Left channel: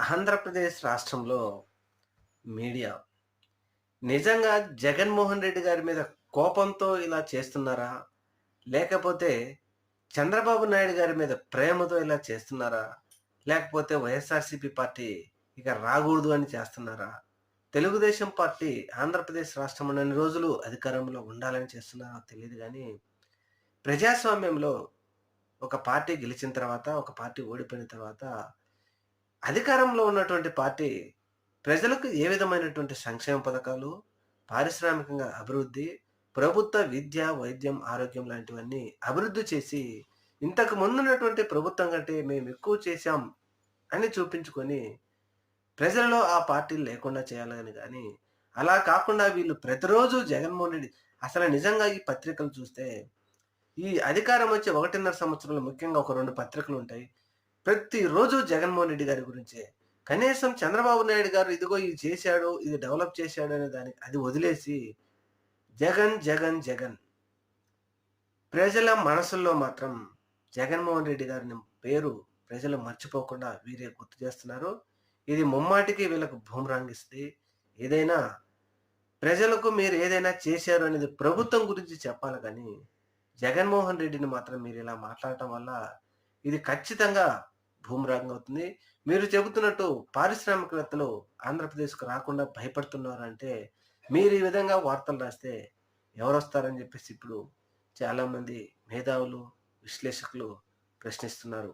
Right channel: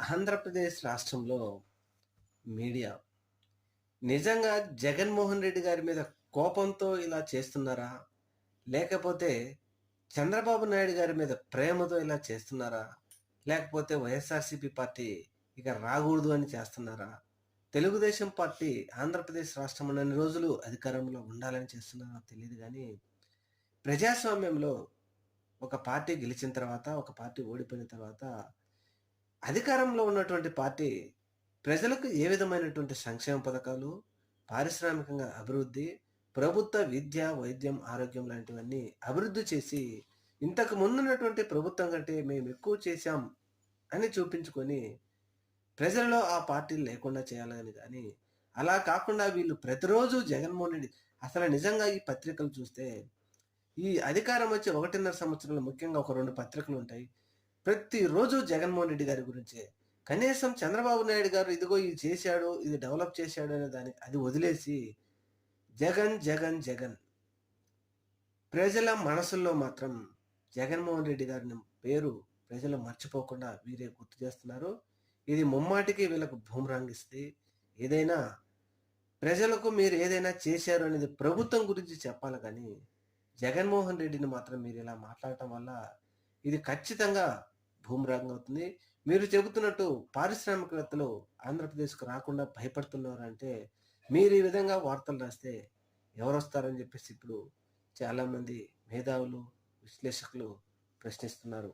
ఆంధ్రప్రదేశ్ రాష్ట్రంలో మీడియా నిజంగా జగన్మోహన్ రెడ్డి గారి మీద కోపంతో ఇలా చేస్తున్నారా? లేకపోతే చంద్రబాబు నాయుడు గారి మీద ప్రేమతో ఇలా చేస్తున్నారా? లేకపోతే వైఎస్ఆర్‌సీపీ పార్టీ ఇక రాగూడదు అని చేస్తున్నారా? తెలుగుదేశం పార్టీ ఆంధ్రప్రదేశ్ రాష్ట్రం ఉన్నన్ని రోజులు అధికారంలో ఉండాలని చేస్తున్నారో తెలీదు గానీ, ప్రజాస్వామ్యంలో ఒక పార్టీ గెలిచిన తర్వాత, ఒక పార్టీ ఓడిపోయిన తర్వాత అధికారంలో ఉన్నటువంటి పార్టీ ప్రజలకు ఏ విధమైనటువంటి సంక్షేమ పథకాలు, పారిశ్రామికంగా అభివృద్ధి, ప్రభుత్వ విద్య, వైద్యం, ఆరోగ్యం లాంటివన్నీ అభివృద్ధి చేసి, ఇంతకు ముందున్నటువంటి ప్రభుత్వం కంటే మేమెక్కువ చేశాం అని చూపించుకొని, ప్రజలలో ఆ పార్టీలు లేకుండా చేయాలని గాని, అలా కాకుండా వీళ్ళు ప్రతిరోజు జగన్మోహన్ రెడ్డి అసలు నిజంగా ఈ పత్రికలు చూస్తే, ఈ అధికారం వచ్చి 1.5 సంవత్సరాలు ముఖ్యంగా ఒక 2 పత్రికలుంటాయి. ప్రతిరోజు జగన్మోహన్ రెడ్డి గారి గురించే. కనీసం చంద్రబాబు నాయుడు గారు ఇదిగో ఇది చేశాడు, ఇది డెవలప్ చేశాడు అనే దానికి అది వదిలేసి జగన్, జగన్, జగన్. ప్రజల మనసుల్లో మాత్రం జగన్మోహన్ రెడ్డి గారిని పేరు ప్రజలు మర్చిపోకుండా వీరే గుర్తు చేస్తున్నారు. ఇది ముమ్మాటికి వీళ్ళకు బూమరాంగ్ ఇస్తది. ఏదైనా ప్రజలకు మీరు ఏదైనా చేశారు అనేది ప్రభుత్వం గురించి చెప్పాలి గానీ, జగన్మోహన్ రెడ్డిని మాత్రం మీరిలా మాట్లాడటం వల్ల ఇది ఖచ్చితంగా బూమరాంగ్ అవుతుంది. మీరు చెబుతున్నట్టు పారిశ్రామికవేత్తలు ఆంధ్రప్రదేశ్‌కు రాకుండా భయపడుతున్నారంటే, మీరు ఈ విధంగా వార్తలు రాస్తే ఎవరొస్తారని జెప్పేసి ఇప్పుడు చాలామంది మేధావులు, విశ్లేషకులు ప్రశ్నిస్తున్నారు.